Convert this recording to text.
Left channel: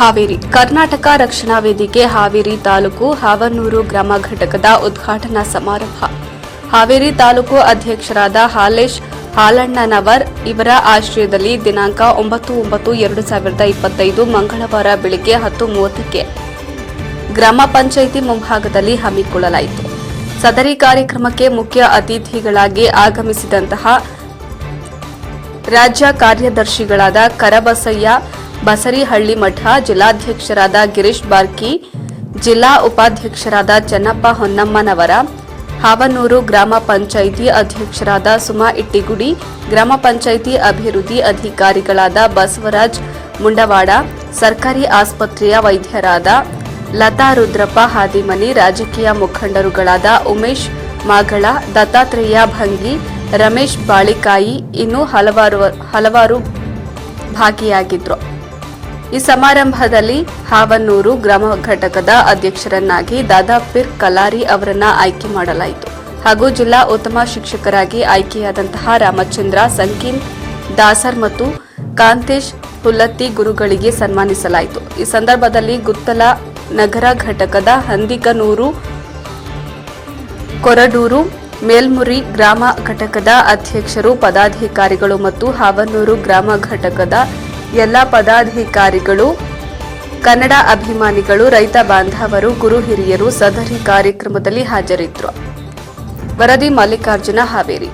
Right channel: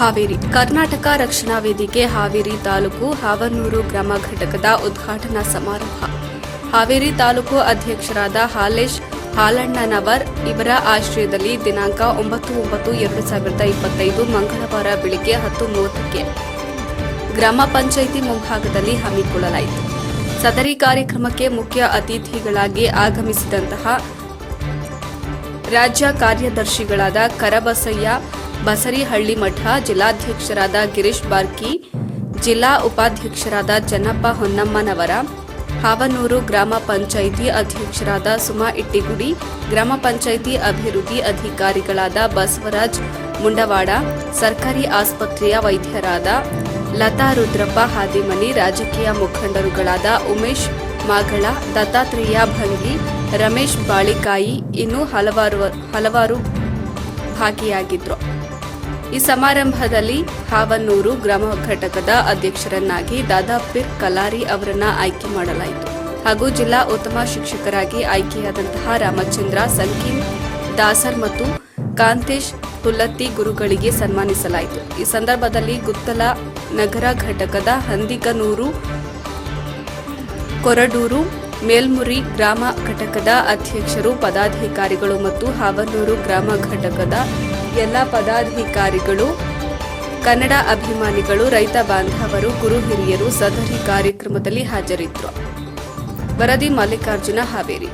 ಹಾವೇರಿ ಕರ್ನಾಟಕ ರಕ್ಷಣಾ ವೇದಿಕೆ ಹಾವೇರಿ ತಾಲೂಕು ಹಾವನೂರು ಗ್ರಾಮ ಘಟಕದ ಉದ್ಘಾಟನಾ ಸಮಾರಂಭ. ಹಾವೇರಿ ತಾಲೂಕು ಅಧ್ಯಕ್ಷರಾದ ಹಾಲೇಶ್ ಹಾಲಣ್ಣನವರ್ ಇವರ ಆಶ್ರಯದಲ್ಲಿ ದಿನಾಂಕ ಒಂಬತ್ತು ಒಂಬತ್ತು ಎರಡು ಸಾವಿರದ ಇಪ್ಪತ್ತೈದು ಮಂಗಳವಾರ ಬೆಳಗ್ಗೆ ಹತ್ತು ಮೂವತ್ತಕ್ಕೆ ಗ್ರಾಮ ಪಂಚಾಯಿತಿ ಮುಂಭಾಗದಲ್ಲಿ ಹಮ್ಮಿಕೊಳ್ಳಲಾಯಿತು. ಸದರಿ ಕಾರ್ಯಕ್ರಮಕ್ಕೆ ಮುಖ್ಯ ಅತಿಥಿಗಳಾಗಿ ಆಗಮಿಸಿದಂತಹ ರಾಜ್ಯ ಕಾರ್ಯದರ್ಶಿಗಳಾದ ಕರಬಸಯ್ಯ ಬಸರಿಹಳ್ಳಿ ಮಠ ಜಿಲ್ಲಾಧ್ಯಕ್ಷರಾದ ಗಿರೀಶ್ ಬಾರ್ಕಿ, ಜಿಲ್ಲಾ ಉಪಾಧ್ಯಕ್ಷರಾದ ಚನ್ನಪ್ಪ ಹೊನ್ನಮ್ಮನವರ, ಹಾವನೂರು ಗ್ರಾಮ ಪಂಚಾಯಿತಿ ಅಧ್ಯಕ್ಷರಾದ ಸುಮಾ ಇಟ್ಟಿಗುಡಿ, ಗ್ರಾಮ ಪಂಚಾಯಿತಿ ಅಭಿವೃದ್ಧಿ ಅಧಿಕಾರಿಗಳಾದ ಬಸವರಾಜ್ ಮುಂಡವಾಡ, ಸರ್ಕಾರಿ ಆಸ್ಪತ್ರೆಯ ವೈದ್ಯರಾದ ಲತಾ ರುದ್ರಪ್ಪ ಹಾದಿಮನಿ, ರಾಜಕೀಯ ಮುಖಂಡರುಗಳಾದ ಉಮೇಶ್ ಮಾಗಳ, ದತ್ತಾತ್ರೇಯ ಭಂಗಿ, ರಮೇಶ್ ಬಾಳಿಕಾಯಿ ಇನ್ನೂ ಹಲವಾರು ಹಲವಾರು ಭಾಗಿಯಾಗಿದ್ರು. ಈ ಸಮಾರಂಭದಲ್ಲಿ ಹಾವನ್ನೂರು ಗ್ರಾಮ ಘಟಕದ ಅಧ್ಯಕ್ಷರನ್ನಾಗಿ ದಾದಾಪೀರ್ ಕಲಾರಿ ಅವರನ್ನ ಆಯ್ಕೆ ಮಾಡಲಾಯಿತು. ಹಾಗೂ ಜಿಲ್ಲಾ ಉತ್ತಮ ಶಿಕ್ಷಕರಾಗಿ ಆಯ್ಕೆಯಾದಂತಹ ರಾಮಚಂದ್ರ ಸಂಕೀಮ್ ದಾಸರ್ ಮತ್ತು ಕಾಂತೇಶ್ ಹುಲ್ಲತ್ತಿ ಗುರುಗಳಿಗೆ ಸನ್ಮಾನಿಸಲಾಯಿತು. ಈ ಸಂದರ್ಭದಲ್ಲಿ ಗುತ್ತಲ ನಗರ ಘಟಕದ ಹಂದಿಗನೂರು, ಕೊರಡೂರು, ಮೇಲ್ಮುರಿ ಗ್ರಾಮ ಘಟಕದ ಅಧ್ಯಕ್ಷರು, ಪದಾಧಿಕಾರಿಗಳು ಮತ್ತು ಹಾವನೂರು ಗ್ರಾಮ ಘಟಕದ ಎಲ್ಲ ಪದಾಧಿಕಾರಿಗಳು ಕನ್ನಡ ಅಭಿಮಾನಿಗಳು ರೈತ ಬಾಂಧವರು ಗುರು ಹಿರಿಯರು ಸದರಿ ಕಾರ್ಯಕ್ರಮದಲ್ಲಿ ಹಾಜರಿದ್ದರು ವರದಿ ಮಲ್ಲಿಕಾರ್ಜುನ ಹಾವೇರಿ.